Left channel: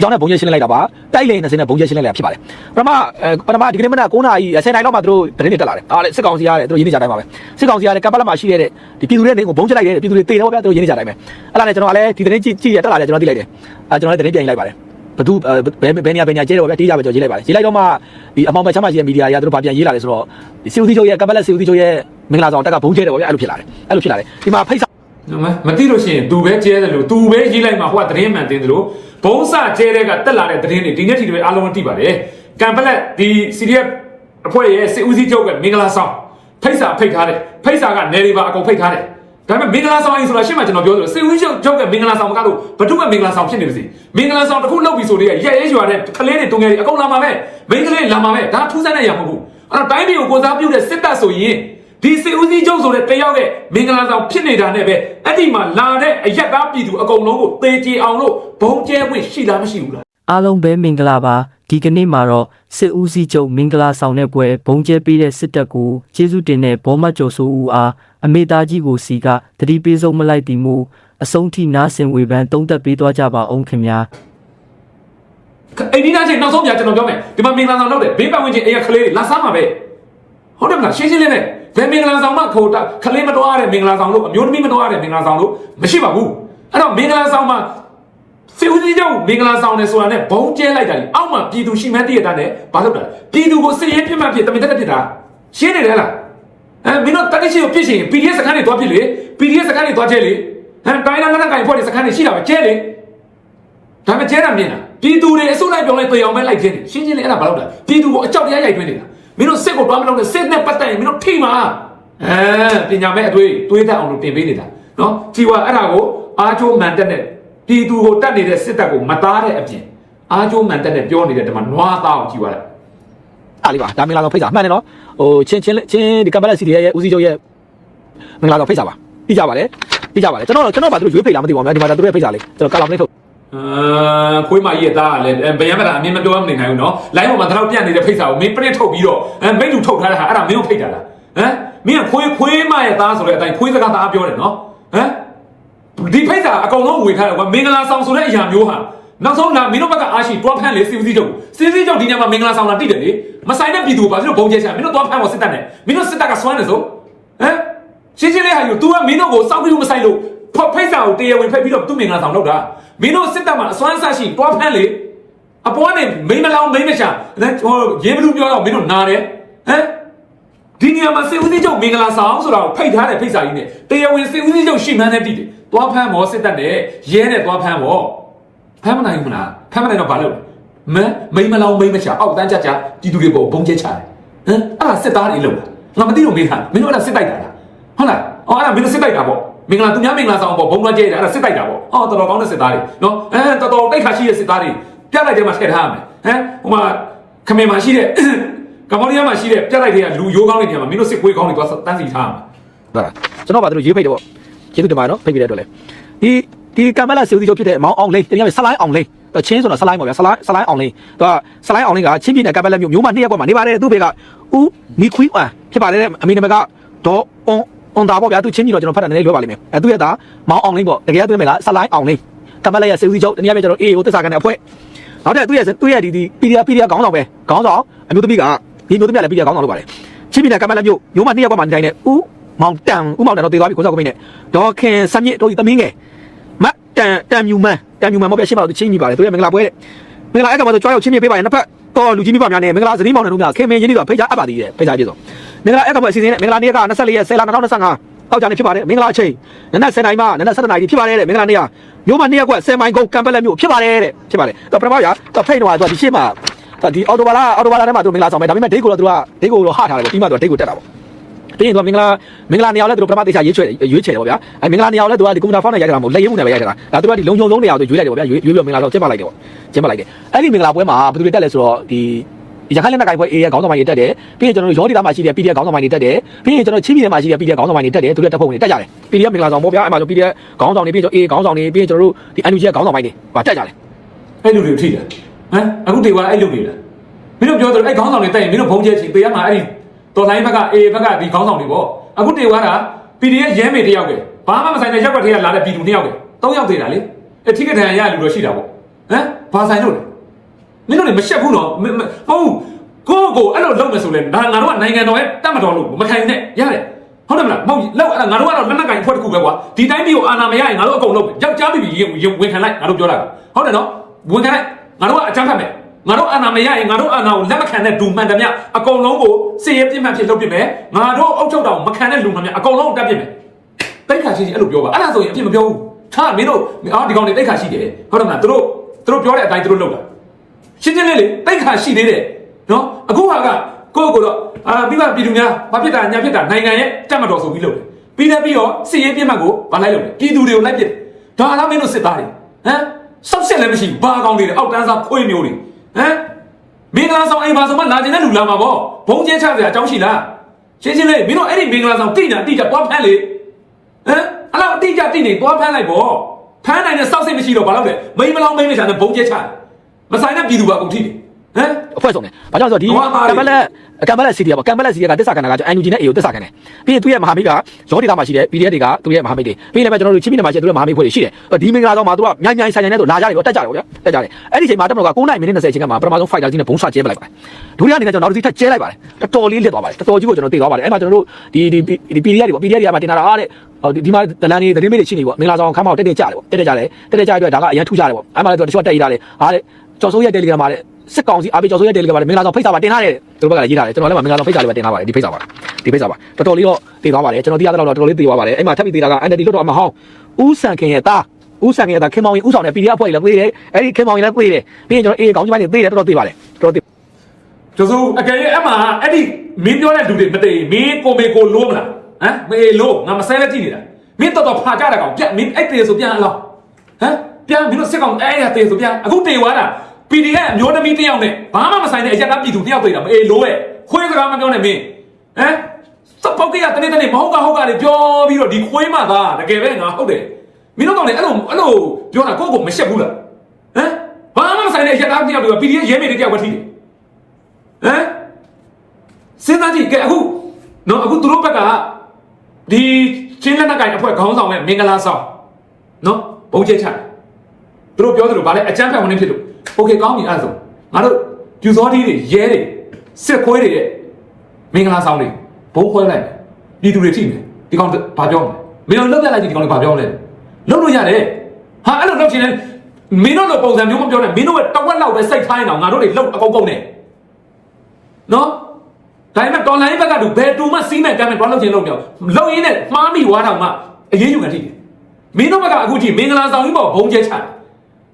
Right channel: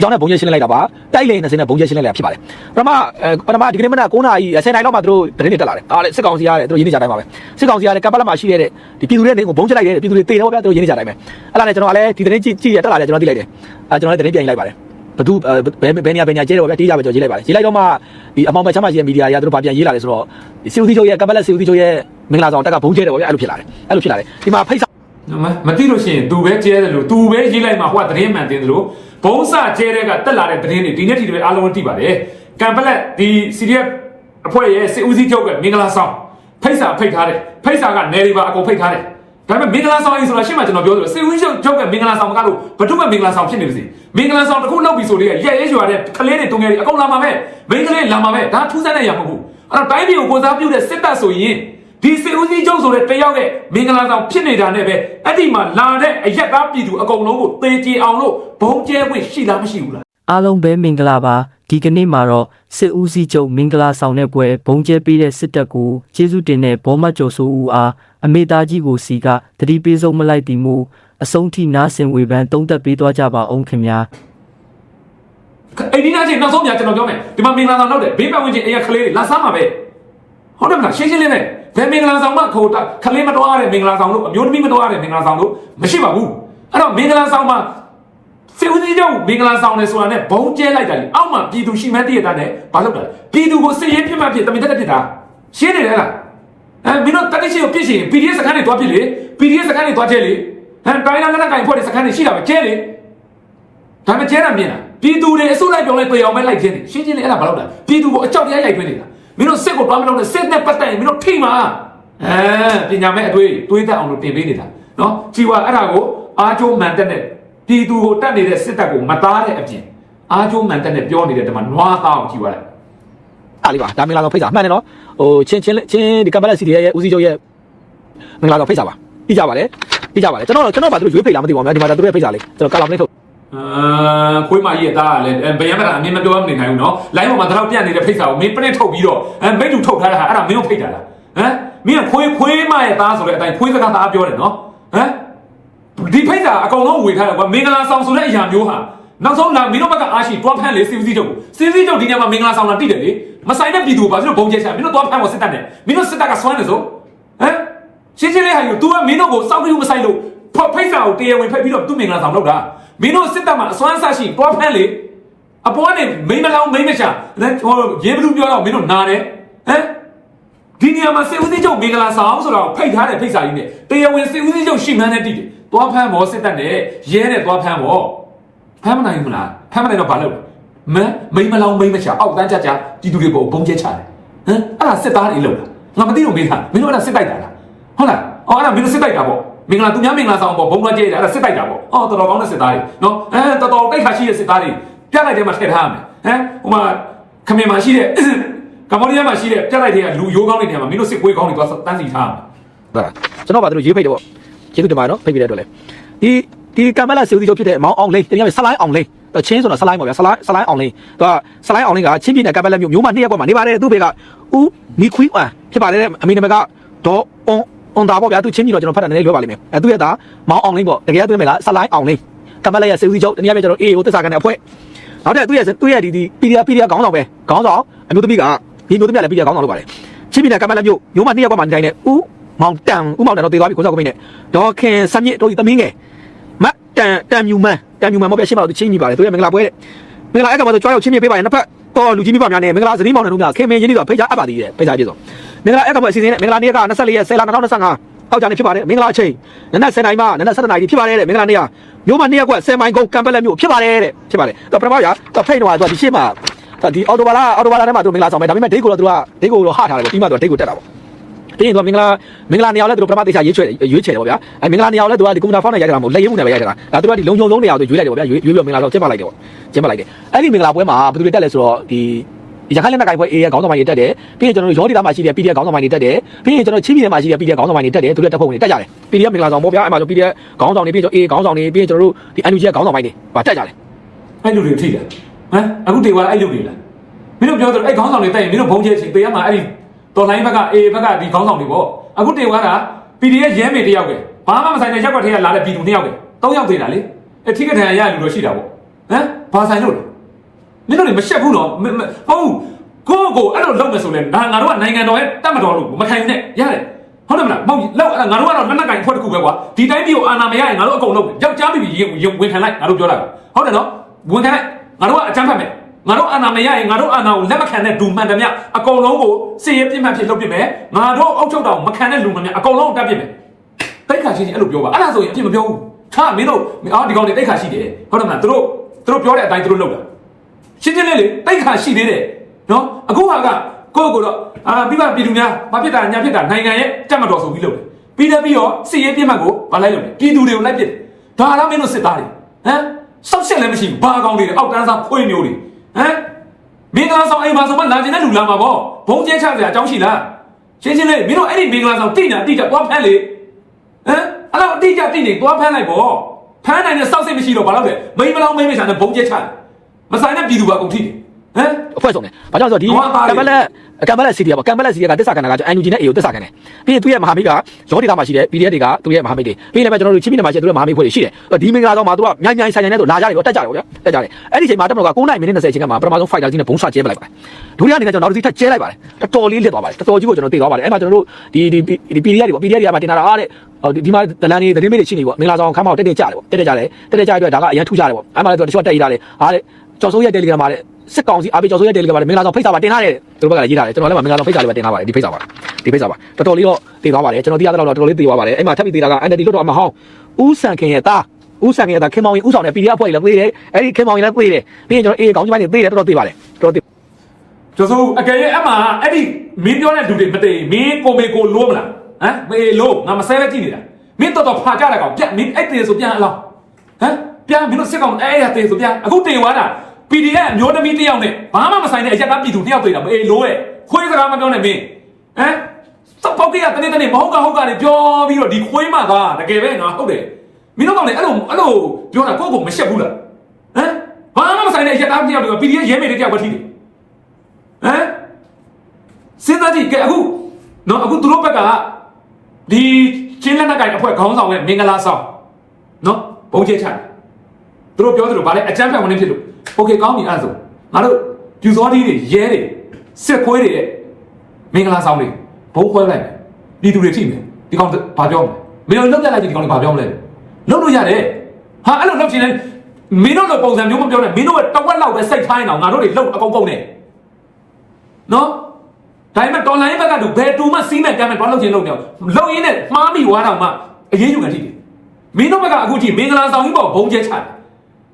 ကြောင်းနဲ့ဘုံကျဲရှင်းလိုက်တာပါတိုက်လေ20နဲ့ဘုံကျဲရှင်းလိုက်တာဖြစ်ပါတယ်ပထမအဲပထမဒီကနေ့မနက်9နာရီ10နာရီလောက်မှသူတို့တရင်တက်လာတယ်ဒါလည်းစစ်ကောင်စီရတယ်သူတို့ရင်းနေကြတိုင်းပါပဲစစ်ကောင်စီရတယ်ကပ်ပတ်လက်မှာရှိတဲ့ဒီပြည်သူတွေတွေကိုဘုံကျဲလိုက်တယ်ပြည်သူတွေတေတော့ဗျာသူတို့ရင်းနေကြတိုင်းပဲအဲ့ဒါနဲ့ကျွန်တော်ကလည်းဒီတရင်ကြည့်ကြည့်ရတက်လာတယ်ကျွန်တော်သိလိုက်တယ်အဲကျွန်တော်လည်းတရင်ပြန်လိုက်ပါတယ်ဘသူဘယ်ဘယ်နေရာဘယ်နေရာကျဲတော့ဗျာတေးကြပဲကျွန်တော်ရေးလိုက်ပါတယ်ရေးလိုက်တော့မှဒီအမောင်ပဲချမ်းပါရှိတဲ့မီဒီယာတွေကသူတို့ဗာပြန်ရေးလာတယ်ဆိုတော့စီအိုဒီချုပ်ရဲ့ကပ်ပတ်လက်စီအိုဒီချုပ်ရဲ့မင်္ဂလာဆောင်တက်ကဘုံကျဲတယ်ဗျာအဲ့လိုဖြစ်လာတယ်အဲ့လိုဖြစ်လာတယ်ဒီမှာဖိတ်မမသိလို့ရှိရင်သူပဲကျဲတယ်လို့သူပဲရေးလိုက်မှာဟိုကသတင်းမှန်တင်တယ်လို့ ဘုံစကျဲတဲ့ကတက်လာတဲ့သတင်းတွေဒီနေ့ထိတွေအားလုံးသိပါတယ်ကံပလက်ဒီ CDF အဖွဲ့ရဲ့စစ်ဦးစီးချုပ်ကမင်္ဂလာဆောင်ဖိတ်စာဖိတ်ထားတယ်ဖိတ်စာကနေရီပါအကုန်ဖိတ်ထားတယ်ဒါပေမဲ့မင်္ဂလာဆောင်ရေးဆိုတာရှင်းမှကျွန်တော်ပြောတယ်စစ်ဦးစီးချုပ်ကမင်္ဂလာဆောင်မကတော့ဘဒုမမင်္ဂလာဆောင်ဖြစ်နေပြီမင်္ဂလာဆောင်တစ်ခုလုပ်ပြီဆိုတော့ရဲရဲရွာတဲ့ကလေးတွေတုံးငယ်တွေအကုန်လာမှာပဲမင်္ဂလာလာမှာပဲဒါထူးဆန်းတဲ့ရမှာမဟုတ်ဘူးအဲ့တော့တိုင်းပြည်ကိုကိုစားပြုတဲ့စစ်တပ်ဆိုရင် ဒီစီဦးစီးချုပ်ဆိုတဲ့တယောက်ရဲ့မင်္ဂလာဆောင်ဖြစ်နေတာနဲ့ပဲအဲ့ဒီမှာလာတဲ့အရက်ကားပြည်သူအကုန်လုံးကိုပေကြည်အောင်လို့ဘုံကျဲခွင့်ရှိလားမရှိဘူးလားအားလုံးပဲမင်္ဂလာပါဒီကနေ့မှာတော့စစ်ဦးစီးချုပ်မင်္ဂလာဆောင်တဲ့ပွဲဘုံကျဲပေးတဲ့စစ်တပ်ကိုကျေးဇူးတင်တဲ့ဘောမတ်ကျော်စိုးဦးအားအမေသားကြီးကိုစီကတတိပေးဆုံးမလိုက်တည်မှုအဆုံးထိနားဆင်ဝေဖန်တုံးသက်ပေးသွားကြပါအောင်ခင်ဗျာအိမ်ဒီသားချင်းနောက်ဆုံးညကျွန်တော်ပြောမယ်ဒီမှာမင်္ဂလာဆောင်တော့တယ်ဘေးပတ်ဝန်းကျင်အရက်ကလေးတွေလာစမ်းပါပဲဟုတ်တယ်ကရှင်းရှင်းလေးပဲ ဘယ်မင်္ဂလာဆောင်မှခေါ်တာခလေးမတော်ရတဲ့မင်္ဂလာဆောင်လို့အမျိုးသမီးမတော်ရတဲ့မင်္ဂလာဆောင်လို့မရှိပါဘူးအဲ့တော့မင်္ဂလာဆောင်မှာစီဦးစီးချုပ်မင်္ဂလာဆောင်နေဆိုတာနဲ့ဘုံကျဲလိုက်တာလေအောက်မှာပြည်သူရှိမှန်းတည့်ရတဲ့နဲ့ဘာလုပ်တာလဲပြည်သူကိုစစ်ရေးပြစ်မှတ်ဖြစ်တမင်တက်တက်ဖြစ်တာရှင်းနေတယ်လားအဲမင်းတို့တတိရှိကိုပြစ်ရှင် PDF စကန်တွေတွားပြစ်လေ PDF စကန်တွေတွားကျဲလေဟမ်တိုင်းလာကတိုင်းဖွဲ့တဲ့စကန်တွေရှိတာပဲကျဲလေဒါမှကျဲတာမြင်လားပြည်သူတွေအစုလိုက်ပြောင်းလိုက်ပေအောင်ပဲလိုက်ခင်းတယ်ရှင်းရှင်းလေးအဲ့ဒါဘာလို့လဲပြည်သူကိုအကြောက်တရားရိုက်သွင်းနေတာ မင်းတို့စစ်ကိုတွားမလို့နဲ့စစ်နဲ့ပတ်သက်ရင်မင်းတို့ထိမှာအဲပညာမဲ့အတွေ့တွေးထားအောင်လို့တင်ပေးနေတာနော်ကြည်ဝါအဲ့ဒါကိုအားကျိုးမှန်တက်တဲ့ပြည်သူကိုတတ်နေတဲ့စစ်တပ်ကိုမသားတဲ့အပြင်အားကျိုးမှန်တက်တဲ့ပြောနေတဲ့တမနွားသားအောင်ကြည်ဝါလိုက်အားလေးပါဒါမင်္ဂလာဆောင်ဖိတ်စာမှန်တယ်နော်ဟိုချင်းချင်းလေးချင်းဒီကပတ်လက်စီရဲ့ဦးစီးချုပ်ရဲ့မင်္ဂလာဆောင်ဖိတ်စာပါပြီးကြပါလေပြီးကြပါလေကျွန်တော်ကျွန်တော်ပါသူတို့ရွေးဖိတ်လားမသိပါဘူးဒီမှာဒါသူတို့ရဲ့ဖိတ်စာလေးကျွန်တော်ကလာမလေးထုတ် အာခွေးမကြီးရဲ့သားကလည်းဘယ်ရမလားအမင်းမပြောမနေနိုင်ဘူးနော်လိုင်းပေါ်မှာတော့ပြန့်နေတဲ့ဖိတ်စာကိုမင်းပြစ်ထုတ်ပြီးတော့အဲမိတ်လူထုတ်ထားတာဟာအဲ့ဒါမင်းတို့ဖိတ်တာလားဟမ်မင်းကခွေးခွေးမရဲ့သားဆိုတဲ့အတိုင်းခွေးစကားသားပြောတယ်နော်ဟမ်ဒီဖိတ်စာအကောင်လုံးဝေထားတယ်ကွာမင်္ဂလာဆောင်ဆိုတဲ့အရာမျိုးဟာနောက်ဆုံးလာမင်းတို့ဘက်ကအားရှိတွားဖမ်းလေစီစီချုပ်စီစီချုပ်ဒီညမှာမင်္ဂလာဆောင်လာတိတယ်လေမဆိုင်တဲ့ပြည်သူဘာဖြစ်လို့ဘုံကျဲချာမင်းတို့တွားဖမ်းဖို့စစ်တပ်နဲ့မင်းတို့စစ်တပ်ကစွမ်းနေစို့ဟမ်ရှင်းရှင်းလေးဟာယူ तू ကမင်းတို့ကိုစောက်ပြီးမဆိုင်လို့ ဖော်ဖိတ်စာကိုတရားဝင်ဖိတ်ပြီးတော့သူ့မင်္ဂလာဆောင်လုပ်တာမင်းတို့စစ်တပ်မှာအစွမ်းဆက်ရှိတွားဖမ်းလေအပေါ်နဲ့မိမလောင်မိမချအဲဟိုရေဘလူပြောတော့မင်းတို့နာတယ်ဟမ်ဒီနေရာမှာစေဦးစီးချုပ်မင်္ဂလာဆောင်ဆိုတာကိုဖိတ်ထားတဲ့ဖိတ်စာကြီးနဲ့တရားဝင်စေဦးစီးချုပ်ရှင်းမှန်းတဲ့တိတယ်သွားဖမ်းမောစစ်တပ်နဲ့ရဲနဲ့သွားဖမ်းမောဖမ်းမနိုင်ဘူးလားဖမ်းမနိုင်တော့ဘာလုပ်မမိမလောင်မိမချအောက်တန်းချချပြည်သူတွေပေါ်ဘုံကျဲချတယ်ဟမ်အဲ့ဒါစစ်သားတွေလုပ်တာငါမသိလို့မေးတာမင်းတို့ကစစ်တိုက်တာဟုတ်လားဟောအဲ့ဒါမင်းတို့စစ်တိုက်တာပေါ့ မင်္ဂလာသူများမင်္ဂလာဆောင်ပေါ့ဘုံကကျဲတယ်အဲ့ဒါစစ်တိုက်တာပေါ့ဟောတော်တော်ကောင်းတဲ့စစ်သားတွေနော်အဲတော်တော်တိုက်ခါရှိတဲ့စစ်သားတွေပြလိုက်တဲ့မှာထည့်ထားရမယ်ဟမ်ဟိုမှာခမေမှာရှိတဲ့ကမ္ဘောဒီးယားမှာရှိတဲ့ပြလိုက်တဲ့လူရိုးကောင်းတဲ့နေရာမှာမင်းတို့စစ်ခွေးကောင်းတွေသွားတန်းစီထားရမယ်ဟုတ်လားကျွန်တော်ကသူတို့ရေးဖိတ်တယ်ပေါ့ကျေးဇူးတင်ပါတယ်နော်ဖိတ်ပြီးတဲ့အတွက်လေဒီဒီကမ်ဘလာစီဦးစီးချုပ်ဖြစ်တဲ့မောင်အောင်လင်းတကယ်ဆလိုင်းအောင်လင်းအချင်းဆိုတော့ဆလိုင်းပေါ့ဗျာဆလိုင်းဆလိုင်းအောင်လင်းသူကဆလိုင်းအောင်လင်းကချင်းပြည်နယ်ကမ်ဘလာမြို့မျိုးမနှစ်ရက်ကွက်မှာနေပါတယ်သူ့ဘေကဦးမီခွီဝါဖြစ်ပါတယ်အမေကဘကဒူအွန် အွန်တာပေါ့ဗျာသူချင်းပြည်တော့ကျွန်တော်ဖတ်တာနည်းနည်းပြောပါလိမ့်မယ်အဲသူရဲ့သားမောင်အောင်လင်းပေါ့တကယ်တွေ့မယ်လားဆလိုင်းအောင်လင်းကမ်ဘလာရဲ့စီဦးစီးချုပ်တနည်းအားဖြင့်ကျွန်တော်အေးကိုသစ္စာကန်တဲ့အဖွဲ့နောက်ထပ်သူ့ရဲ့သူ့ရဲ့ဒီဒီပီဒီယာပီဒီယာခေါင်းဆောင်ပဲခေါင်းဆောင်အမျိုးသမီးကဒီမျိုးသမီးကလည်းပီဒီယာခေါင်းဆောင်လုပ်ပါတယ်ချင်းပြည်နယ်ကမ်ဘလာမြို့မျိုးမနှစ်ရက်ကွက်မှာနေတိုင်းနဲ့ဦးမောင်တန်ဥမောင်တန်တော့တေသွားပြီကိုစောက်ကိုမိနဲ့ဒေါ်ခင်စမြစ်တော့ဒီသမီးငယ်မတန်တန်မြူမန်တန်မြူမန်မဟုတ်ပြရှင်းမလို့ချင်းကြီးပါလေသူရဲ့မင်္ဂလာပွဲမင်္ဂလာအဲ့တော့ဆိုကြွားရောက်ချင်းချင်းပေးပါရင်တစ်ဖက်ဟောလူကြီးမိဘများနဲ့မင်္ဂလာသတိမောင်နဲ့တို့များခင်မင်းချင်းတွေကဖိတ်ကြားအပ်ပါသေးတယ်ဖိတ်ကြားပြည့်စုံ မင်္ဂလာအဲ့တော့အစီအစဉ်မင်္ဂလာနေ့က24ရက်10လ2025ဟောက်ကြနေဖြစ်ပါတယ်မင်္ဂလာအချိန်နနက်7:00နာရီမှနနက်7:00နာရီဖြစ်ပါတယ်မင်္ဂလာနေ့ကမျိုးမနေ့က10မိုင်ကုန်းကမ်ပလက်မြို့ဖြစ်ပါတယ်တဲ့ဖြစ်ပါတယ်တော့ပထမကတော့ဖိတ်တော့ဒီရှင်းမှာဒီအော်တိုဘာလာအော်တိုဘာလာထဲမှာသူမင်္ဂလာဆောင်မယ်ဒါပေမဲ့ဒိတ်ကိုတော့သူကဒိတ်ကိုတော့ဟထားတယ်ပြီးမှတော့ဒိတ်ကိုတက်တာပေါ့တင်းရင်သူကမင်္ဂလာမင်္ဂလာနေရာလဲသူတို့ပထမတေချာရွေးချယ်ရွေးချယ်တယ်ပေါ့ဗျာအဲမင်္ဂလာနေရာလဲသူကဒီကွန်ပျူတာဖုန်းနဲ့ရိုက်ကြတာမဟုတ်လက်ရုံးနဲ့ပဲရိုက်ကြတာဒါသူကဒီလုံချုံလုံးနေရာသူရွေးလိုက်တယ်ပေါ့ဗျာရွေးရွေးပြီးမင်္ဂလာတော့ကျင်းပလိုက်တယ်ပေါ့ကျင်းပလိုက်တယ်အဲ့ဒီမင်္ဂလာပွဲမှာဘယ်သူတွေတက်လဲဆိုတော့ဒီ ရခိုင်လက်နက်ကိုင်ပွဲ AA ခေါင်းဆောင်ပိုင်းတွေတက်တယ်ပြီးရင်ကျွန်တော်တို့ရောဒီတာမှာရှိတဲ့ PDF ခေါင်းဆောင်ပိုင်းတွေတက်တယ်ပြီးရင်ကျွန်တော်ချင်းပြည်နယ်မှာရှိတဲ့ PDF ခေါင်းဆောင်ပိုင်းတွေတက်တယ်သူတို့တက်ဖို့ဝင်တက်ကြတယ် PDF မင်္ဂလာဆောင်ပေါ့ဗျာအဲ့မှာဆို PDF ခေါင်းဆောင်တွေပြီးရင်ကျွန်တော် AA ခေါင်းဆောင်တွေပြီးရင်ကျွန်တော်တို့ဒီ NUG ခေါင်းဆောင်ပိုင်းတွေတက်ကြတယ်အဲ့လူတွေထိတယ်ဟမ်အခုတေဝါအဲ့လူတွေလားမင်းတို့ပြောတယ်အဲ့ခေါင်းဆောင်တွေတိုက်ရင်မင်းတို့ဘုံကျဲချင်ပေးရမှာအဲ့တော်လိုင်းဘက်ကအေဘက်ကဒီခေါင်းဆောင်တွေပေါ့အခုတေဝါက PDF ရဲမေတယောက်ပဲဘာမှမဆိုင်တဲ့ရက်ွက်ထဲကလာတဲ့ပြည်သူနှစ်ယောက်ပဲ၃ယောက်သေးတာလေအထိကထန်ရလူတော့ရှိတာပေါ့ဟမ်ဘာဆိုင်လို့လဲ မင်းတို့လည်းမရှက်ဘူးတော့မမဟုတ်ကိုကိုအဲ့လိုလုပ်မယ်ဆိုရင်ဒါငါတို့ကနိုင်ငံတော်ရဲ့တတ်မတော်လို့မထိုင်နဲ့ရတယ်ဟုတ်တယ်မလားမဟုတ်လောက်အဲ့ငါတို့ကတော့လက်နက်ကင်ဖွဲ့တစ်ခုပဲကွာဒီတိုင်းမျိုးအာဏာမရရင်ငါတို့အကုန်လုံးယောက်ျားမိပြီးရင်ဝင်ခံလိုက်ငါတို့ပြောတာဟုတ်တယ်နော်ဝင်ခံလိုက်ငါတို့ကအကြမ်းဖက်မယ်ငါတို့အာဏာမရရင်ငါတို့အာဏာကိုလက်မခံတဲ့ဒူမှန်တယ်မြအကုန်လုံးကိုစီရပြစ်မှန်ဖြစ်လုပ်ပြမယ်ငါတို့အုပ်ချုပ်တော်မခံတဲ့လူမှန်မြအကုန်လုံးတက်ပြစ်မယ်တိတ်ခါရှိတယ်အဲ့လိုပြောပါအဲ့ဒါဆိုရင်အဖြစ်မပြောဘူးခါမင်းတို့အော်ဒီကောင်တွေတိတ်ခါရှိတယ်ဟုတ်တယ်မလားသူတို့သူတို့ပြောတဲ့အတိုင်းသူတို့လုပ်တာ ရှင်းရှင်းလေးလေတိတ်ခါရှိသေးတယ်နော်အခုဟာကကိုယ့်ကိုယ်တော့အာပြီးမှပြည်သူများဘာဖြစ်တာညာဖြစ်တာနိုင်ငံရဲ့တက်မတော်ဆိုပြီးလုပ်တယ်ပြီးတယ်ပြီးတော့စစ်ရေးပြစ်မှတ်ကိုဗာလိုက်လုပ်တယ်ပြည်သူတွေကိုလိုက်ပြစ်ဒါလားမင်းတို့စစ်သားတွေဟမ်စောက်ဆက်လည်းမရှိဘူးဘာကောင်တွေလဲအောက်တန်းစားဖွေးမျိုးတွေဟမ်မင်္ဂလာဆောင်အိမ်ပါဆိုမှလာတင်တဲ့လူလာမှာပေါ့ဘုံကျင်းချစရာအကြောင်းရှိလားရှင်းရှင်းလေးမင်းတို့အဲ့ဒီမင်္ဂလာဆောင်တိတာတိတာတော့ဖမ်းလေဟမ်အဲ့တော့အတိအကျတိနေသွားဖမ်းလိုက်ပေါ့ဖမ်းနိုင်တဲ့စောက်စိတ်မရှိတော့ဘာလို့လဲမိမလောင်းမိမရှာတဲ့ဘုံကျဲချ မဆိုင်တဲ့ပြည်သူကအကုန်ထိတယ်ဟမ်အဖွဲ့ဆုံးတယ်။ဘာကြောင့်လဲဆိုတော့ဒီဟောပါလေကမ်ဘလက်ကမ်ဘလက်စီကကမ်ဘလက်စီကတစ္ဆာကနာကကျွန်တော် NUG နဲ့ AO တစ္ဆာကန်တယ်။ပြီးသူရဲ့မဟာမိတ်ကရောဒီကမှာရှိတယ် PDF တွေကသူရဲ့မဟာမိတ်တွေပြီးလည်းပဲကျွန်တော်တို့ချင်းပြည်နယ်မှာရှိတဲ့သူရဲ့မဟာမိတ်ဖွဲ့တွေရှိတယ်။ဒီမင်္ဂလာကောင်မှာသူကမြိုင်မြိုင်ဆိုင်ဆိုင်နဲ့သူနာကြတယ်လို့တက်ကြရောဗျာ။တက်ကြတယ်။အဲ့ဒီချိန်မှာတက်တော့က9နိုင်မိနစ်20ချိန်ကမှာပထမဆုံး fighter ကြီးနဲ့ဘုံဆွကျဲပလိုက်ပါတယ်။ဒုတိယအနေနဲ့ကျွန်တော်နောက်တစ်ချက်ကျဲလိုက်ပါတယ်။တော်တော်လေးလစ်သွားပါတယ်။တော်တော်ကြီးကိုကျွန်တော်သိသွားပါတယ်။အဲ့မှာကျွန်တော်တို့ဒီဒီဒီ PDF တွေပေါ့ PDF တွေကမှတင်လာတာတဲ့ဟိုဒီမှာတလန်လေးတတိမိတ်တွေရှိနေပေါ့မင်္ဂလာဆောင်ခမ်းမောက်တက်တက်ကြတယ်ပေါ့တက်တက်ကြတယ်တက်တက်ကြတဲ့အတွက်ဒါကအရန်ထူကြတယ်ပေါ့အဲ့မှာလည်းသူကတချို့တက်ရေးတာလေဟာတဲ့ ကျော်စိုးရဲ့တယ်လီဂရမ်မှာလေစစ်ကောင်စီအားပေးကျော်စိုးရဲ့တယ်လီဂရမ်မှာလေမင်္ဂလာဆောင်ဖိတ်စာမှာတင်ထားတယ်သူတို့ဘက်ကလည်းရေးထားတယ်ကျွန်တော်လည်းမင်္ဂလာဆောင်ဖိတ်စာလေးမှာတင်ထားပါတယ်ဒီဖိတ်စာပါဒီဖိတ်စာပါတော်တော်လေးတော့တည်သွားပါတယ်ကျွန်တော်တရားတော့တော်တော်လေးတည်သွားပါတယ်အဲ့မှာထပ်ပြီးတည်တာက NLD လွတ်တော်မဟောင်းဦးဆန်ခင်ရဲ့သားဦးဆန်ခင်ရဲ့သားခင်မောင်ရင်ဦးဆောင်တဲ့ PDF ဖွဲ့လည်းပြေးတယ်အဲ့ဒီခင်မောင်ရင်လည်းပြေးတယ်ပြီးရင်ကျွန်တော်အေးကောင်းကြီးပိုင်းတွေပြေးတယ်တော်တော်တည်ပါတယ်တော်တော်တည်ကျော်စိုးအကယ်၍အမှအဲ့ဒီမင်းပြောတဲ့လူတွေမတည်မင်းကိုမေကိုလိုးမလားဟမ်မေလိုးငါမဆဲလဲကြည့်နေတာမင်းတော်တော်ဖာကြတာကောင်ပြက်မင်းအဲ့တည်ဆိုပြန်အလောက်ဟမ်ပြန်မင်းတို့စစ်ကောင်အဲ့ရတည်ဆိုပြန်အခုတည်သွားတာ PDF အမျိုးသမီးတစ်ယောက်နဲ့ဘာမှမဆိုင်တဲ့အရက်သားပြည်သူတစ်ယောက်တွေ့တာမေလိုးရဲ့ခွေးစကားမပြောနဲ့မင်းဟမ်စပောက်ကရတနေ့တနေ့မဟုတ်ကဟုတ်ကတွေပြောပြီးတော့ဒီခွေးမသားတကယ်ပဲငါဟုတ်တယ်မင်းတို့ကောင်လည်းအဲ့လိုအဲ့လိုပြောတာကိုယ့်ကိုမရှက်ဘူးလားဟမ်ဘာမှမဆိုင်တဲ့အရက်သားတစ်ယောက်တွေက PDF ရဲမေတစ်ယောက်ပဲထိတယ်ဟမ်စဉ်းစားကြည့်ကဲအခုနော်အခုသူတို့ဘက်ကဒီချင်းလက်နက်ကိုင်အဖွဲ့ခေါင်းဆောင်နဲ့မင်္ဂလာဆောင်နော်ဘုံချိတ်ချသူတို့ပြောသလိုဗာလဲအကြမ်းဖက်ဝင်နေဖြစ်လို့ โอเคကောင်းပြီအဲ့ဒါဆိုငါတို့ပြူစောတီးတွေရဲတွေစစ်ခွေးတွေရဲ့မင်္ဂလာဆောင်တွေဘုံခွဲလိုက်ပြည်သူတွေထိမယ်ဒီကောင်ဘာပြောမလဲမင်းတို့လောက်လိုက်ကြည့်ဒီကောင်တွေဘာပြောမလဲလောက်လို့ရတယ်ဟာအဲ့လိုလုပ်ချင်တယ်မင်းတို့လိုပုံစံမျိုးမပြောနဲ့မင်းတို့ကတဝက်လောက်ပဲစိတ်ထိုင်းအောင်ငါတို့တွေလောက်အကုန်ကုန်နေ နော်ဒါပေမဲ့ဒေါ်လာရင်းဘက်ကတူဘယ်တူမှစီးမဲ့ကမ်းမဲ့ဘာလို့ချင်းလို့ပြောလောက်ရင်းနဲ့မှားမိသွားတာမှအရေးယူခံထိတယ်မင်းတို့ဘက်ကအခုထိမင်္ဂလာဆောင်ကြီးပေါ့ဘုံကျဲချတယ်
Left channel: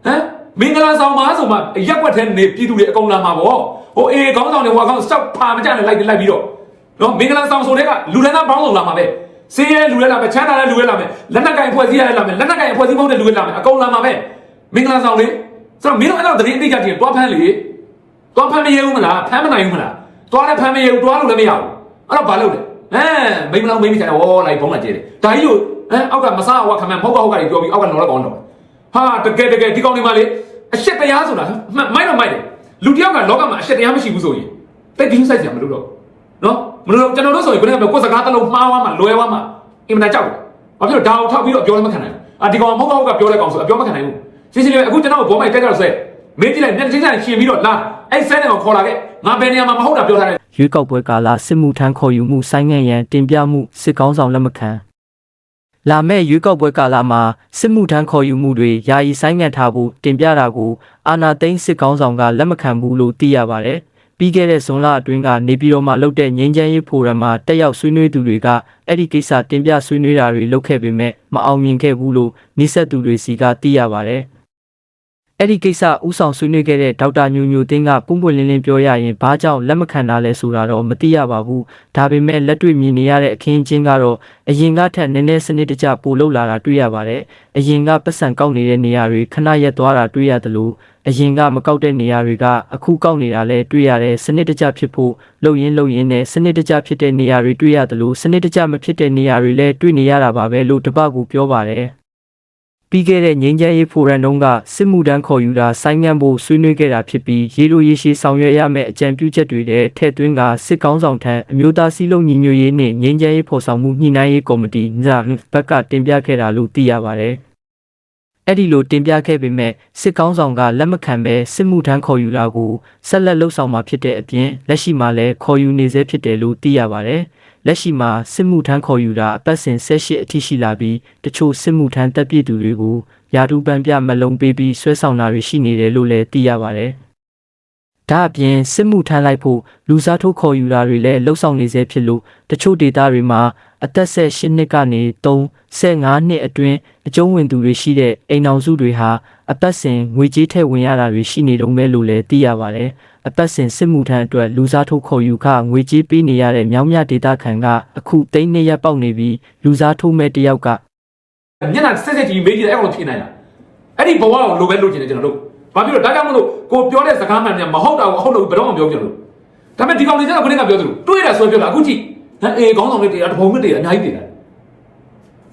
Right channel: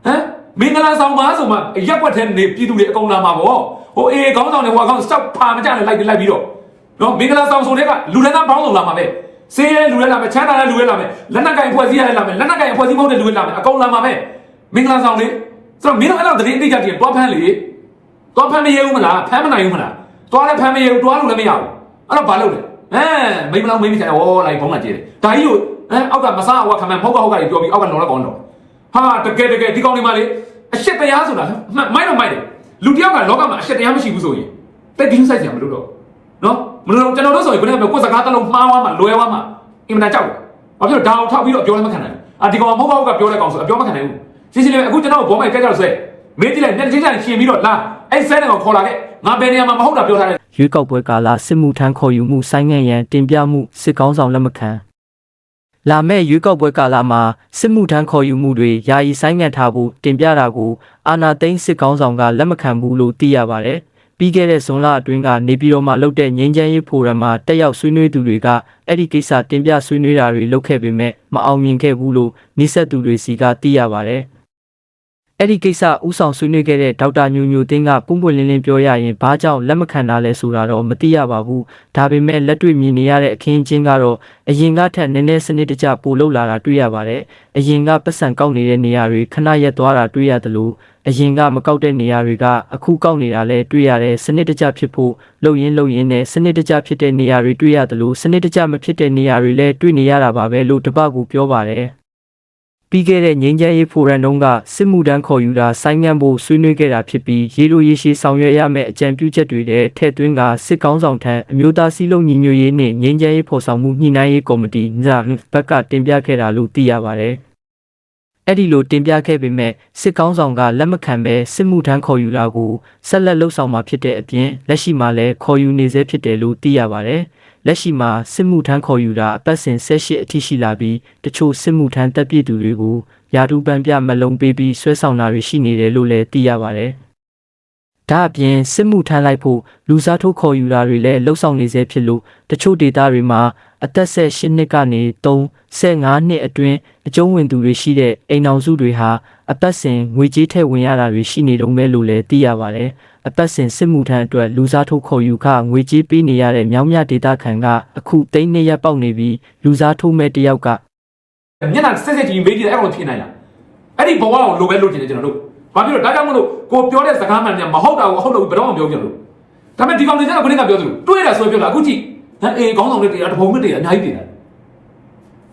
ဟမ် မင်္ဂလာဆောင်မှာဆိုမှရက်ွက်တဲ့နေပြည်သူတွေအကုန်လာမှာပေါ့ဟိုအေးခေါင်းဆောင်တွေကအကောင်စောက်ဖာမကြနဲ့လိုက်ပြီးလိုက်ပြီးတော့နော်မင်္ဂလာဆောင်ဆိုတဲ့ကလူလည်းသားပေါင်းစုံလာမှာပဲစင်းရဲလူလည်းလာမယ်ချမ်းသာတဲ့လူလည်းလာမယ်လက်နက်ကင်ဖွဲ့စည်းရလည်းလာမယ်လက်နက်ကင်ဖွဲ့စည်းမဟုတ်တဲ့လူလည်းလာမယ်အကုန်လာမှာပဲမင်္ဂလာဆောင်လေဆိုတော့မင်းတို့အဲ့လိုသတင်းတိကျတည်းတွားဖမ်းလေတော့ဖမ်းမရဘူးမလားဖမ်းမနိုင်ဘူးမလားတော့လည်းဖမ်းမရဘူးတွားလို့လည်းမရဘူးအဲ့တော့ဘာလုပ်လဲအဲမိမလားမိမဆိုင်ဟောလိုက်ဘုံလာကြည့်တယ်ဒါကြီးကိုအဲအောက်ကမစားဟောခမန်ဖောက်ကဟုတ်ကတွေပြောပြီးအောက်ကတော့လည်းကောင်းတော့ ဟာတကယ်တကယ်ဒီကောင်တွေမှလေအရှက်တရားဆိုတာမိုက်တော့မိုက်တယ်လူတယောက်ကလောကမှာအရှက်တရားမရှိဘူးဆိုရင်တိတ်တင်းဆိုင်ကြမလို့တော့နော်မလို့ကျွန်တော်တို့ဆိုရင်ဘယ်နဲ့ကိုယ်စကားတလုံးမှားသွားမှလွယ်သွားမှအင်မတန်ကြောက်တယ်ဘာဖြစ်လို့ဒါအောင်ထောက်ပြီးတော့ပြောလည်းမခံနိုင်ဘူးအာဒီကောင်မဟုတ်ဟုတ်ကပြောတဲ့ကောင်ဆိုအပြောမခံနိုင်ဘူးရှင်းရှင်းလေးအခုကျွန်တော်ဘောမိုက်တက်ကြောက်ဆွဲမင်းကြည့်လိုက်မျက်စိကြိုက်ရှင်ပြီးတော့လာအဲ့ဆန်းတယ်ကိုခေါ်လာတဲ့ငါဘယ်နေရာမှာမဟုတ်တာပြောထားတယ်ရွေးကောက်ပွဲကာလစစ်မှုထမ်းခေါ်ယူမှုဆိုင်းငံ့ရန်တင်ပြမှုစစ်ကောင်းဆောင်လက်မခံ လာမယ့်ရွေးကောက်ပွဲကာလမှာစစ်မှုထမ်းခေါ်ယူမှုတွေယာယီဆိုင်းငံ့ထားဖို့တင်ပြတာကိုအာနာသိန်းစစ်ကောင်းဆောင်ကလက်မခံဘူးလို့သိရပါတယ်။ပြီးခဲ့တဲ့ဇွန်လအတွင်းကနေပြည်တော်မှာလုပ်တဲ့ငြိမ်းချမ်းရေးဖိုရမ်မှာတက်ရောက်ဆွေးနွေးသူတွေကအဲ့ဒီကိစ္စတင်ပြဆွေးနွေးတာတွေလုပ်ခဲ့ပေမဲ့မအောင်မြင်ခဲ့ဘူးလို့နှိဆက်သူတွေစီကသိရပါတယ်။ အဲ့ဒီကိစ္စဥဆောင်ဆွေးနွေးခဲ့တဲ့ဒေါက်တာညိုညိုတင်းကပုံပွင့်လင်းလင်းပြောရရင်ဘာကြောင့်လက်မခံတာလဲဆိုတာတော့မသိရပါဘူးဒါပေမဲ့လက်တွေ့မြင်နေရတဲ့အခင်းအကျင်းကတော့အရင်ကထက်နည်းနည်းစနစ်တကျပိုလောက်လာတာတွေ့ရပါတယ်အရင်ကပတ်စံကောက်နေတဲ့နေရာတွေခဏရက်သွားတာတွေ့ရတယ်လို့အရင်ကမကောက်တဲ့နေရာတွေကအခုကောက်နေတာလဲတွေ့ရတယ်စနစ်တကျဖြစ်ဖို့လှုပ်ရင်းလှုပ်ရင်းနဲ့စနစ်တကျဖြစ်တဲ့နေရာတွေတွေ့ရတယ်လို့စနစ်တကျမဖြစ်တဲ့နေရာတွေလည်းတွေ့နေရတာပါပဲလို့တပတ်ကူပြောပါတယ် ပြီးခဲ့တဲ့ငင်းချမ်းရေးဖိုရမ်တုန်းကစစ်မှုတန်းခေါ်ယူတာဆိုင်းငံ့ဖို့ဆွေးနွေးခဲ့တာဖြစ်ပြီးရေလိုရေရှည်ဆောင်ရွက်ရမယ့်အကြံပြုချက်တွေနဲ့ထည့်သွင်းကစစ်ကောင်းဆောင်ထံအမျိုးသားစည်းလုံးညီညွတ်ရေးနှင့်ငင်းချမ်းရေးဖော်ဆောင်မှုညှိနှိုင်းရေးကော်မတီညဘက်ကတင်ပြခဲ့တာလို့သိရပါတယ်အဲ့ဒီလိုတင်ပြခဲ့ပေမဲ့စစ်ကောင်းဆောင်ကလက်မခံဘဲစစ်မှုထမ်းခေါ်ယူတာကိုဆက်လက်လှုပ်ဆောင်မှာဖြစ်တဲ့အပြင်လက်ရှိမှာလည်းခေါ်ယူနေဆဲဖြစ်တယ်လို့သိရပါတယ်။ လက်ရှိမှာစစ်မှုထမ်းခေါ်ယူတာအပတ်စဉ်၁၈အထိရှိလာပြီးတချို့စစ်မှုထမ်းတပ်ပြည်သူတွေကိုယာတူပန်ပြမလုံးပေးပြီးဆွဲဆောင်တာတွေရှိနေတယ်လို့လည်းသိရပါတယ်။ဒါအပြင်စစ်မှုထမ်းလိုက်ဖို့လူစားထိုးခေါ်ယူတာတွေလည်းလှုပ်ဆောင်နေဆဲဖြစ်လို့တချို့ဒေသတွေမှာအသက်ဆက်၈နှစ်ကနေ3 15နှစ်အတွင်းအကျုံးဝင်သူတွေရှိတဲ့အိမ်အောင်စုတွေဟာအပတ်စဉ်ငွေကြေးထည့်ဝင်ရတာတွေရှိနေတုံးပဲလို့လည်းသိရပါတယ်။ အပတ်စဉ်စစ်မှုထမ်းအတွက်လူစားထိုးခေါ်ယူခငွေကြေးပေးနေရတဲ့မြောင်းမြဒေသခံကအခုသိန်းနှစ်ရက်ပေါက်နေပြီးလူစားထိုးမဲ့တယောက်ကညနာစစ်စစ်တီမေးကြည့်တယ်အဲ့လိုဖြစ်နိုင်လားအဲ့ဒီဘဝကိုလိုပဲလုပ်ကြည့်တယ်ကျွန်တော်တို့ဘာဖြစ်လို့ဒါကြောင့်မလို့ကိုပြောတဲ့စကားမှန်များမဟုတ်တာကိုဟုတ်လို့ဘယ်တော့မှပြောပြလို့ဒါပေမဲ့ဒီကောင်လေးကခဏကပြောသလိုတွေးရဆိုပြောတာအခုကြည့်ဟမ်အေးခေါင်းဆောင်တွေတရားတော်ကတရားအများကြီးတင်တာ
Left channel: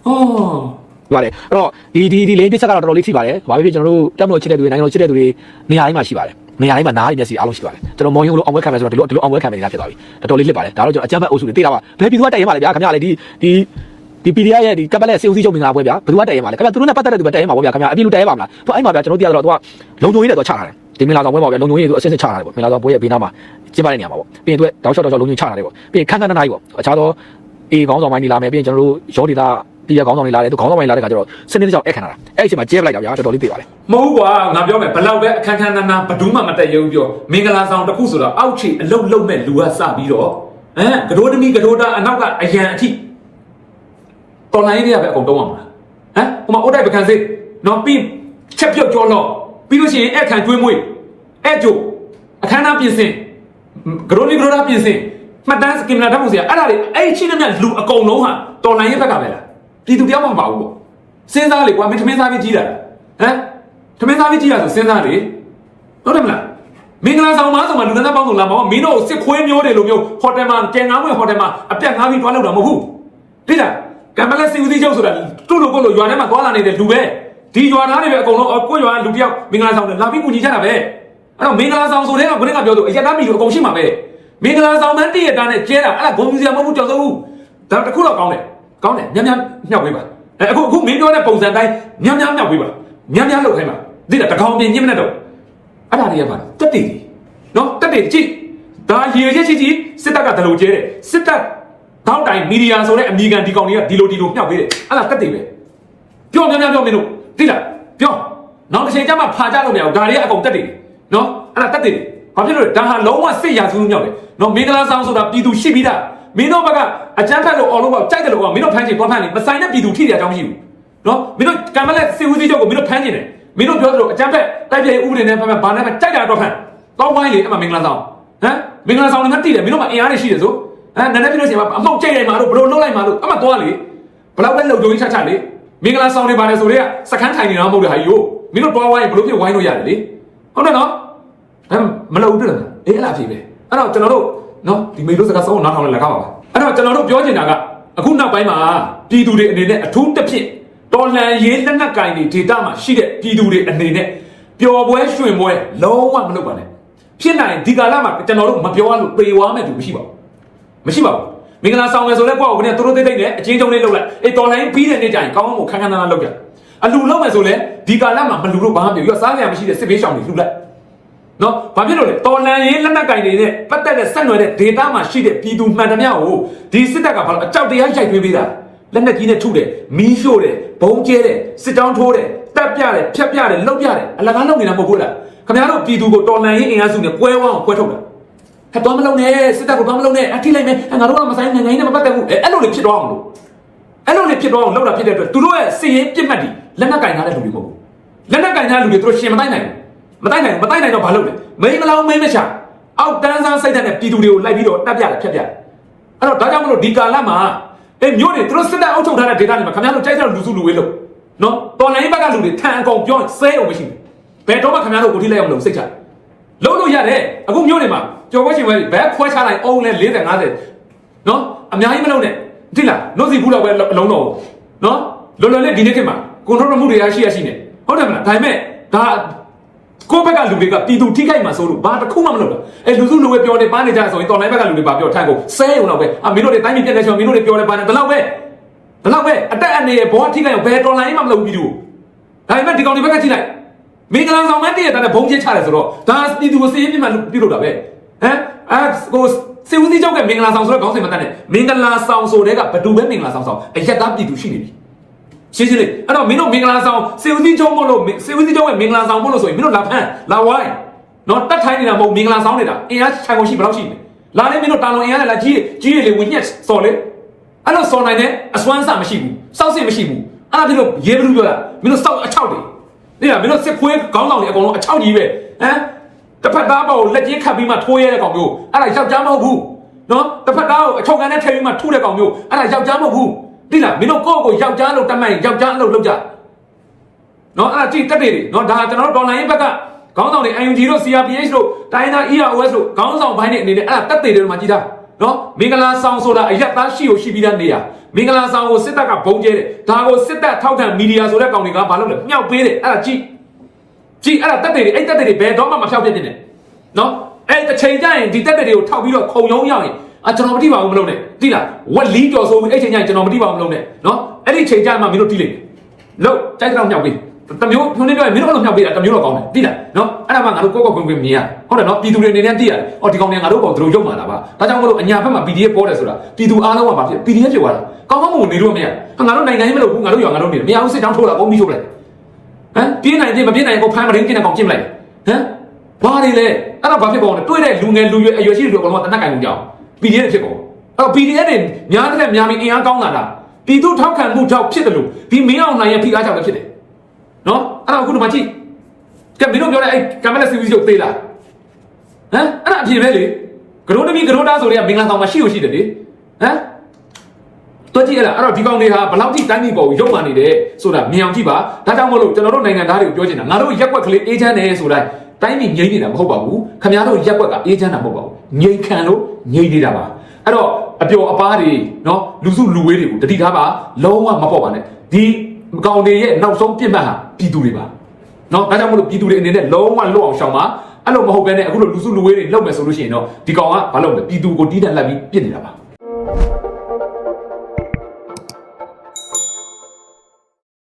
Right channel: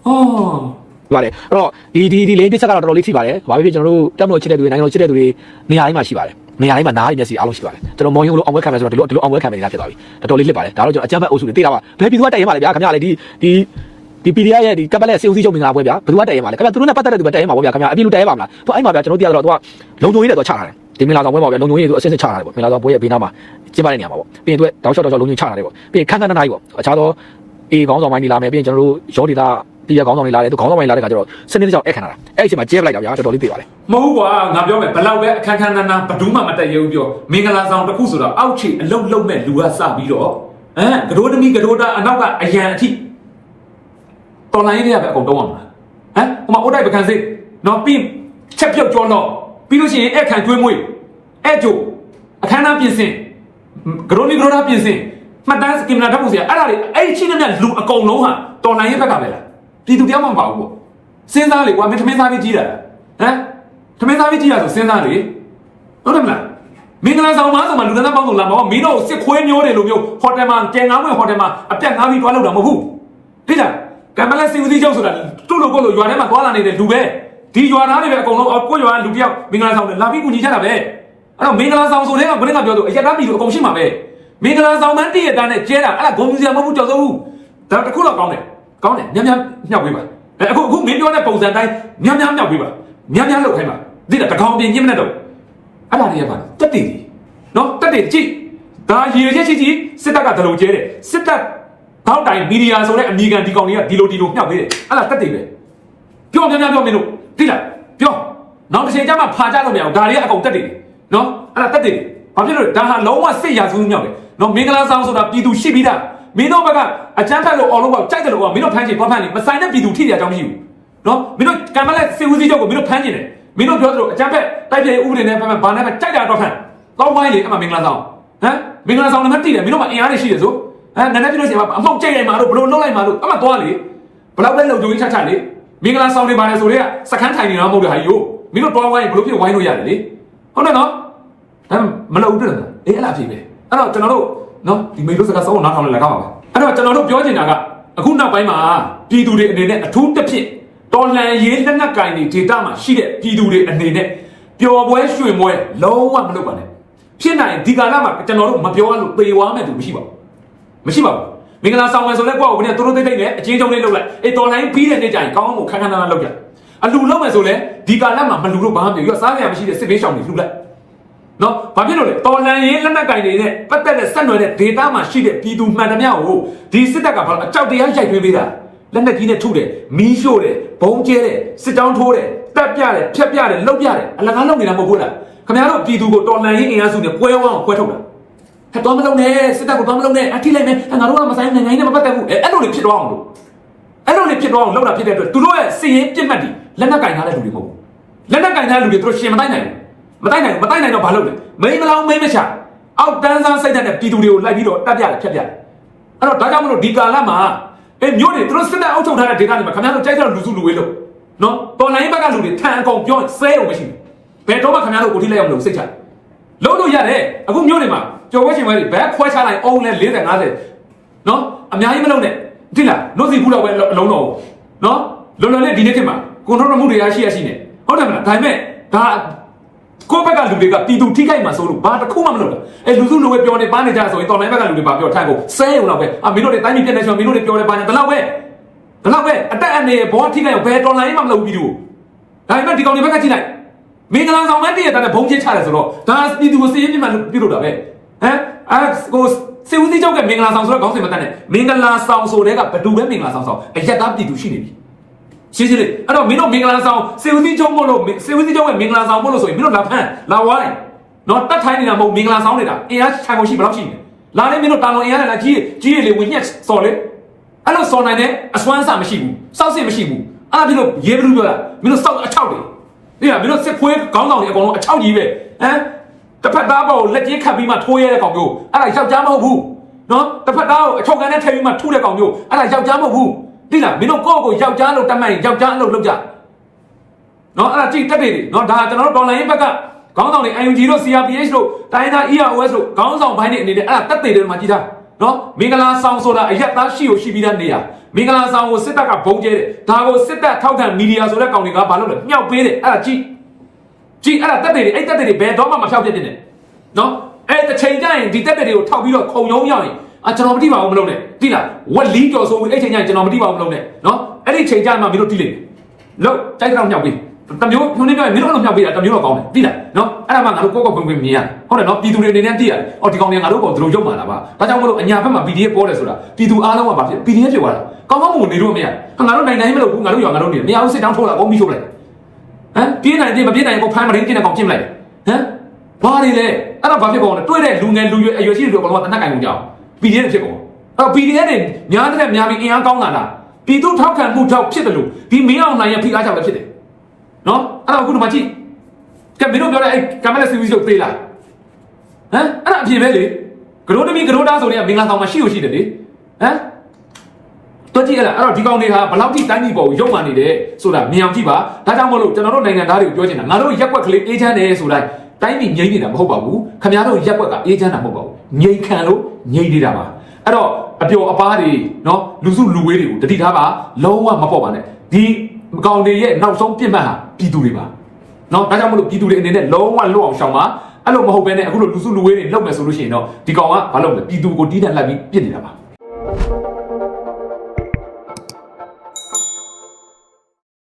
အော်ပါတယ်အဲ့တော့ဒီဒီဒီလေးတစ်ချက်ကတော့တော်တော်လေးထိပါတယ်ဘာဖြစ်ဖြစ်ကျွန်တော်တို့တောက်တော်ချစ်တဲ့သူတွေနိုင်ငံတော်ချစ်တဲ့သူတွေနေရာတိုင်းမှာရှိပါတယ် နေရာတိုင်းမှာနားရည်မျက်စိအားလုံးရှိပါတယ်ကျွန်တော်မောင်ရုပ်လို့အောင်ဝဲခံမယ်ဆိုတော့ဒီလိုဒီလိုအောင်ဝဲခံမယ်နေတာဖြစ်သွားပြီတော်တော်လေးလစ်ပါတယ်ဒါတော့ကျွန်တော်အကြမ်းဖက်အုပ်စုတွေသိတာပါဘယ်ပြည်သူကတည်ရမှာလဲဗျာခင်ဗျာလေဒီဒီဒီ PDF ရဲ့ဒီကပ်ပလက်စေဦးစီးချုပ်မင်္ဂလာပွဲဗျာဘယ်သူကတည်ရမှာလဲခင်ဗျာသူတို့နဲ့ပတ်သက်တဲ့သူပဲတည်ရမှာပေါ့ဗျာခင်ဗျာအပြည့်လို့တည်ရမှာမလားဟိုအဲ့မှာဗျာကျွန်တော်သိရတော့သူကလုံခြုံရေးနဲ့တော့ချထားတယ်ဒီမင်္ဂလာဆောင်ပွဲမှာဗျာလုံခြုံရေးသူအဆက်ဆက်ချထားတယ်ပေါ့မင်္ဂလာဆောင်ပွဲရဲ့ဘေးနားမှာကျင်းပတဲ့နေရာမှာပေါ့ပြီးရင်သူကတောက်လျှောက်တော့လုံခြုံရေးချထားတယ်ပေါ့ပြီးရင်ခန်းခန်းနိုင်ပေါ့အခြားသော အေးခေါင်းဆောင်ပိုင်းနေလာမယ်ပြီးရင်ကျွန်တော်တို့ရောဒေတာပြည်ရခေါင်းဆောင်တွေလာတယ်သူခေါင်းဆောင်ပိုင်းလာတဲ့ခါကျတော့စနစ်တကျအဲ့ခံရတယ်အဲ့ဒီအချိန်မှာကျင်းလိုက်တာဗျာတော်တော်လေးသိပါတယ်မဟုတ်ကွာငါပြောမယ်ဘလောက်ပဲအခန်းခန်းနာနာဘဒူးမှမတက်ရဘူးပြောမင်္ဂလာဆောင်တစ်ခုဆိုတော့အောက်ခြေအလုံးလုံးမဲ့လူကစပြီးတော့ဟမ်ကတိုးတမီကတိုးတာအနောက်ကအရန်အထိတော်လိုင်းတွေကပဲအကုန်တုံးအောင်လားဟမ်ဟိုမှာအိုးတိုက်ပကံစိနော်ပြီးချက်ပြုတ်ကြောတော့ပြီးလို့ရှိရင်အဲ့ခံကျွေးမွေးအဲ့ကျိုးအခန်းသားပြင်ဆင်ကတိုးလီကတိုးတာပြင်ဆင် မှတ်တမ်းစကင်နာတော့ဆရာအဲ့ဒါလေအဲ့ဒီချင်းနဲ့လူအကုန်လုံးဟာတော်လိုင်းရဲ့ဘက်ကပဲလားပြည်သူတရားမှမပါဘူးပေါ့စဉ်းစားလေကွာမင်းသမင်းသားလေးကြီးတာဟမ်သမင်းသားမကြီးရဆိုစဉ်းစားလေဟုတ်တယ်မလားမင်္ဂလာဆောင်မှာဆိုမှလူသားပေါင်းစုံလာမှာမင်းတို့စစ်ခွေးမျိုးတွေလိုမျိုးဟိုတယ်မှာကဲငါးဝင်ဟိုတယ်မှာအပြက်ငါးပြီးတွားလောက်တာမဟုတ်ဘူးသိလားကမ္ဘာလက်စီဦးစီးချုပ်ဆိုတာတို့လိုကိုလိုရွာထဲမှာတွားလာနေတဲ့လူပဲဒီရွာသားတွေပဲအကုန်လုံးအကိုရွာလူတယောက်မင်္ဂလာဆောင်နဲ့လာပြီးကူညီကြတာပဲအဲ့တော့မင်္ဂလာဆောင်ဆိုတဲ့ကဘယ်နဲ့ပြောလို့အရက်သားမီတို့အကုန်ရှိမှာပဲ မင်္ဂလာဆောင်မှတည့်ရတာနဲ့ကျဲတာအဲ့ဒါဂုံစရာမဟုတ်ဘူးကြောက်စိုးဒါတခုတော့ကောင်းတယ်ကောင်းတယ်ညံ့ညံ့ညှောက်ပေးပါအဲ့အခုအခုမင်းပြောတဲ့ပုံစံတိုင်းညံ့ညံ့ညှောက်ပေးပါညံ့ညံ့လောက်ခိုင်းပါသိလားတကောင်ပြင်းညင်မနဲ့တော့အဲ့ဒါလေးရပါတက်တည်တယ်နော်တက်တည်ကြည့်ဒါရေရက်ရှိရှိစစ်တပ်ကဒလုံကျဲတယ်စစ်တပ်တောက်တိုင်မီဒီယာဆိုတဲ့အမီကန်ဒီကောင်တွေကဒီလိုဒီလိုမြှောက်ပေးတယ်အဲ့ဒါတက်တည်ပဲပြောများများပြောမင်းတို့သိလားပြောနောက်တစ်ချိန်ကျမှဖာကြလို့မရဘူးဒါလေးအကောင်တက်တည်နော်အဲ့ဒါတက်တည်ဘာဖြစ်လို့လဲဒါဟာလုံးဝစစ်ရာစုမြောက်တယ် နော်မင်္ဂလာဆောင်ဆိုတာပြည်သူရှိပြီးသားမင်းတို့ဘက်ကအချမ်းဖက်လို့အော်လို့ကကြိုက်တယ်လို့ကမင်းတို့ဖိုင်းချင်တော့ဖိုင်းနေမဆိုင်တဲ့ပြည်သူထိတဲ့အကြောင်းရှိဘူးနော်မင်းတို့ကံမလက်စေဦးစီးချုပ်ကိုမင်းတို့ဖမ်းနေတယ်မင်းတို့ပြောသလိုအချမ်းဖက်တိုက်တဲ့ဥပဒေနဲ့ဖက်ဖက်ဘာနဲ့ဖက်ကြိုက်တာတော့ဖမ်းတော့ဝိုင်းလေအဲ့မှာမင်္ဂလာဆောင်ဟမ်မင်္ဂလာဆောင်လည်းမသိတယ်မင်းတို့မှာအင်အားတွေရှိတယ်ဆိုဟမ်နည်းနည်းပြလို့ရှိရင်အမောက်ကြိုက်နေမှာတော့ဘလို့လုံးလိုက်မှာလို့အမှသွားလေဘလောက်ပဲလုံကြုံချချလေမင်္ဂလာဆောင်နေပါလေဆိုတော့စခန်းထိုင်နေတာမဟုတ်တယ်ဟာယိုမင်းတို့တော့ဝိုင်းဘလို့ဖြစ်ဝိုင်းလို့ရတယ်လေဟုတ်တယ်နော်ဟမ်မလုပ်ဘူးတဲ့အေးအဲ့လားဖြစ်ပဲ အဲ့တော့ကျွန်တော်တို့နော်ဒီမေလို့စကားစောင်းနားထောင်နေလည်းကောင်းပါအဲ့တော့ကျွန်တော်တို့ပြောချင်တာကအခုနောက်ပိုင်းမှာပြည်သူတွေအနေနဲ့အထူးတစ်ဖြစ်တော်လှန်ရေးလက်နက်ကင်တွေဒေတာမှာရှိတဲ့ပြည်သူတွေအနေနဲ့ပျော်ပွဲရွှင်ပွဲလုံးဝမလုပ်ပါနဲ့ဖြစ်နိုင်ဒီကာလမှာကျွန်တော်တို့မပြောရလို့ပေဝါမဲ့သူမရှိပါဘူးမရှိပါဘူးမင်္ဂလာဆောင်မယ်ဆိုလဲကိုယ့်ကိုယ်ကသူတို့သိသိနဲ့အချင်းချင်းလေးလုပ်လိုက်အေးတော်လိုင်းပြီးတဲ့နေ့ကျရင်ကောင်းကောင်းကိုခန်းခန်းနားနားလုပ်ကြအလူလုပ်မယ်ဆိုလဲဒီကာလမှာမလူလို့ဘာမှမပြောရစားကြရမရှိတဲ့စစ်ဘေးရှောင်တွေလှူလိုက် နော်ဘာဖြစ်လို့လဲတော်လန်ရေးလက်နက်ကင်တွေနဲ့ပတ်သက်တဲ့ဆက်နွယ်တဲ့ဒေတာမှာရှိတဲ့ပြည်သူမှန်သမျှကိုဒီစစ်တပ်ကဘာလို့အကြောက်တရားရိုက်သွင်းပေးတာလက်နက်ကြီးနဲ့ထုတယ်မီးရှို့တယ်ဘုံကျဲတယ်စစ်တောင်းထိုးတယ်တပ်ပြတယ်ဖြတ်ပြတယ်လှုပ်ပြတယ်အလကားလုပ်နေတာမဟုတ်ဘူးလားခင်ဗျားတို့ပြည်သူကိုတော်လန်ရေးအင်အားစုနဲ့ပွဲဝအောင်ခွဲထုတ်တာဟဲ့တော်မလုံးနဲ့စစ်တပ်ကိုတော်မလုံးနဲ့အထိလိုက်မယ်ငါတို့ကမဆိုင်နိုင်နိုင်နဲ့မပတ်သက်ဘူးအဲ့လိုတွေဖြစ်သွားအောင်လို့အဲ့လိုတွေဖြစ်သွားအောင်လုပ်တာဖြစ်တဲ့အတွက်သူတို့ရဲ့စီရင်ပြစ်မှတ်တွေလက်နက်ကင်ထားတဲ့လူတွေမဟုတ်ဘူးလက်နက်ကင်ထားတဲ့လူတွေသူတို့ရှင်မတိုင်းနိုင်ဘူး မတိုက်နိုင်မတိုက်နိုင်တော့ဘာလုပ်လဲမိန်းမလောင်းမိန်းမချအောက်တန်းစားစိတ်ဓာတ်နဲ့ပြည်သူတွေကိုလိုက်ပြီးတော့တက်ပြတယ်ဖြတ်ပြတယ်အဲ့တော့ဒါကြောင့်မလို့ဒီကာလမှာအဲမျိုးတွေသူတို့စစ်တပ်အုပ်ချုပ်ထားတဲ့ဒေသတွေမှာခင်ဗျားတို့ကြိုက်တဲ့လူစုလူဝေးလို့နော်တော်လိုင်းဘက်ကလူတွေထန်အကောင်ပြောဆဲရုံမရှိဘူးဘယ်တော့မှခင်ဗျားတို့ကိုထိလိုက်အောင်လို့စိတ်ချလုံးလို့ရတယ်အခုမျိုးတွေမှာကြော်ဝဲချိန်ဝဲတွေဘယ်ခွဲချလိုက်အောင်လဲ40 50နော်အများကြီးမလုပ်နဲ့ဒီလားနှုတ်စီခုတော့ပဲအလုံးတော့နော်လွန်လွန်လေးဒီနေ့ထင်မှာကွန်ထရိုးမှုတွေရရှိရရှိနေဟုတ်တယ်မလားဒါပေမဲ့ဒါ ကိုယ့်ဘက်ကလူတွေကပြည်သူထိခိုက်မှာဆိုလို့ဘာတစ်ခုမှမလုပ်တာအဲလူစုလူဝဲပြောနေပါနေကြဆိုရင်တော်လိုင်းဘက်ကလူတွေပါပြောထိုက်ကိုဆဲရုံတော့ပဲအမင်းတို့တွေတိုင်းပြည်ပြည့်နေဆိုမင်းတို့တွေပြောနေပါနေဒီလောက်ပဲဒီလောက်ပဲအတက်အနေဘောထိခိုက်ဘယ်တော်လိုင်းမှမလုပ်ဘူးပြည်သူဒါပေမဲ့ဒီကောင်တွေဘက်ကကြည့်လိုက်မင်္ဂလာဆောင်မဲ့တည့်ရတဲ့ဘုံချင်းချတယ်ဆိုတော့ဒါပြည်သူကိုစေးပြမှပြုလုပ်တာပဲဟမ်အဲကိုစေဦးစီးကြောက်ကမင်္ဂလာဆောင်ဆိုတော့ခေါင်းစဉ်မတတ်နဲ့မင်္ဂလာဆောင်ဆိုတဲ့ကဘယ်သူပဲမင်္ဂလာဆောင်ဆောင်အရက်သားပြည်သူရှိနေပြီ ရှင်းရှင်းလေးအဲ့တော့မင်းတို့မင်္ဂလာဆောင်စေဦးစီးကြောက်မို့လို့စေဦးစီးကြောက်ကမင်္ဂလာဆောင်မို့လို့ဆိုရင်မင်းတို့လာဖန်လာဝိုင်းနော်တတ်ထိုင်းနေတာမဟုတ်မင်္ဂလာဆောင်နေတာအင်အားခြံကုန်ရှိဘယ်လောက်ရှိနေလာနေမင်းတို့တာလွန်အင်အားလာကြီးကြီးရလေ witness စော်လေအဲ့လိုစော်နိုင်တဲ့အစွမ်းစားမရှိဘူးစောက်စစ်မရှိဘူးအဲ့ဒါပြလို့ရေးဘလူးပြောတာမင်းတို့စောက်အချောက်တွေအဲ့ဒါမင်းတို့စစ်ခွေးခေါင်းဆောင်တွေအကုန်လုံးအချောက်ကြီးပဲဟမ်တစ်ဖက်သားပေါ်ကိုလက်ချင်းခတ်ပြီးမှထိုးရတဲ့ကောင်မျိုးအဲ့ဒါယောက်ျားမဟုတ်ဘူးနော်တစ်ဖက်သားကိုအချုပ်ကန်နဲ့ထည့်ပြီးမှထုတဲ့ကောင်မျိုးအဲ့ဒါယောက်ျားမဟုတ်ဘူး သိလားမင်းတို့ကိုယ့်ကိုယ်ယောက်ျားလို့တတ်မှန်ရင်ယောက်ျားလို့လုပ်ကြနော်အဲ့ဒါတိတက်တယ်နော်ဒါကျွန်တော်တို့ဒေါ်လာရင်းဘက်ကခေါင်းဆောင်တွေ IMG တို့ CRPH တို့တိုင်းသား EROS တို့ခေါင်းဆောင်ဘိုင်းတွေအနေနဲ့အဲ့ဒါတက်တယ်တယ်မှာကြည့်တာနော်မင်္ဂလာဆောင်ဆိုတာအရက်သားရှိကိုရှိပြီးတဲ့နေရာမင်္ဂလာဆောင်ကိုစစ်တပ်ကဘုံကျဲတယ်ဒါကိုစစ်တပ်ထောက်ခံမီဒီယာဆိုတဲ့ကောင်တွေကဘာလုပ်လဲမြောက်ပေးတယ်အဲ့ဒါကြည့်ကြည့်အဲ့ဒါတက်တယ်အဲ့တက်တယ်ဘယ်တော့မှမဖြောက်ပြတဲ့နဲ့နော်အဲ့တစ်ချိန်ကျရင်ဒီတက်တယ်တွေကိုထောက်ပြီးတော့ခုံရုံးရောက်ရင် အာကျွန်တော်မတိပါဘူးမလုပ်နဲ့တိလားဝက်လီတော်ဆိုပြီးအဲ့ချိန်ကျရင်ကျွန်တော်မတိပါဘူးမလုပ်နဲ့နော်အဲ့ဒီချိန်ကျမှမင်းတို့တိလိမ့်လို့တိုက်ကြတော့မြောက်ပေးတမျိုးညွှန်နေပြောရင်မင်းတို့အဲ့လိုဖြောက်ပေးတာတမျိုးတော့ကောင်းတယ်တိလားနော်အဲ့ဒါမှငါတို့ကိုယ့်ကောက်ခွင့်ခွင့်မြင်ရဟုတ်တယ်နော်ပြည်သူတွေအနေနဲ့သိရတယ်အော်ဒီကောင်တွေငါတို့ကောင်တို့ရုပ်မှာလားပါဒါကြောင့်မလို့အညာဘက်မှာ PDF ပေါ်တယ်ဆိုတာပြည်သူအားလုံးကပါဖြစ် PDF ဖြစ်သွားတာကောင်းကောင်းမွန်နေလို့မရငါတို့နိုင်ငံရေးမလုပ်ဘူးငါတို့ရောငါတို့နေမရဘူးစစ်တောင်းထိုးတာဘုံပြီးထုတ်လိုက်ဟမ်ပြင်းနိုင်တယ်မပြင်းနိုင်ကိုဖမ်းမရင်းပြင်းတဲ့ကောင်ကြည့်မလိုက်ဟမ်ဘာတွေလဲအဲ့တော့ဘာဖြစ်ပေါ်လဲတွေ့တဲ့လူငယ်လူရွယ်အရွယ်ရှိတွေကတော့တနက်ကင်ကုန်ကြအောင် PDF ဖြစ်ပေါ်အဲ့ PDF တွေများတဲ့များပြီးအင်အားကောင်းတာလားပြည်သူထောက်ခံမှုကြောင့်ဖြစ်တယ်လို့ဒီမင်းအောင်နိုင်ရဲ့ဖိအားကြောင့်ပဲဖြစ်တယ်နော်အဲ့တော့အခုဒီမှာကြည့်ကဲမင်းတို့ပြောတဲ့အဲ့ကမ္ဘာလက်စီဝီဆိုသိလားဟမ်အဲ့ဒါအပြင်ပဲလေဂရိုးတမီဂရိုးသားဆိုတဲ့ကမင်္ဂလာဆောင်မှာရှိလို့ရှိတယ်လေဟမ်တော့ကြည့်ရလားအဲ့တော့ဒီကောင်တွေဟာဘယ်လောက်ထိတိုင်းပြည်ပေါ်ကိုရုပ်မာနေတယ်ဆိုတာမြင်အောင်ကြည့်ပါဒါကြောင့်မို့လို့ကျွန်တော်တို့နိုင်ငံသားတွေကိုပြောချင်တာငါတို့ရက်ွက်ကလေးအေးချမ်းတယ်ဆိုလိုက် တိုင်းပြည်ငြိမ့်နေတာမဟုတ်ပါဘူးခင်ဗျားတို့ရက်ွက်ကအေးချမ်းတာမဟုတ်ပါဘူးငြိမ်ခံလို့ငြိမ့်နေတာပါအဲ့တော့အပျော်အပါးတွေနော်လူစုလူဝေးတွေကိုတတိထားပါလုံးဝမပေါ့ပါနဲ့ဒီကောင်တွေရဲ့နောက်ဆုံးပြစ်မှတ်ဟာပြည်သူတွေပါနော်ဒါကြောင့်မလို့ပြည်သူတွေအနေနဲ့လုံးဝလွတ်အောင်ရှောင်ပါအဲ့လိုမဟုတ်ဘဲနဲ့အခုလိုလူစုလူဝေးတွေလောက်မယ်ဆိုလို့ရှိရင်တော့ဒီကောင်ကဘာလုပ်လဲပြည်သူကိုတီးတက်လက်ပြီးပြစ်နေတာပါ